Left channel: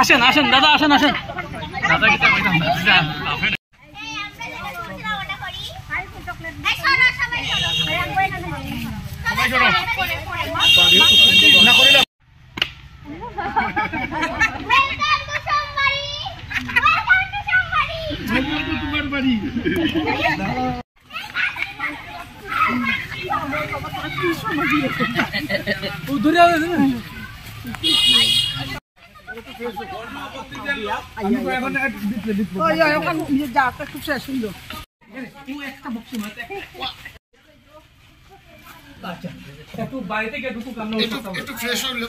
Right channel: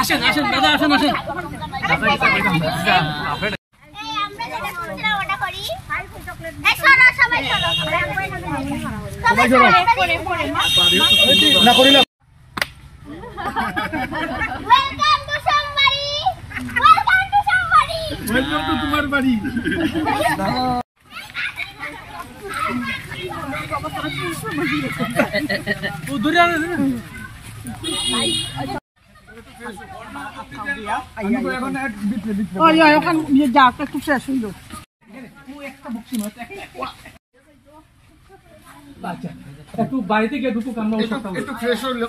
আসেন আসেন দাদা, আসেন আসেন দাদা। তোমার বাড়ি একটু বাড়িতে গিয়ে ঢুকুক, আমরা একটু ফ্রেশ হইলো।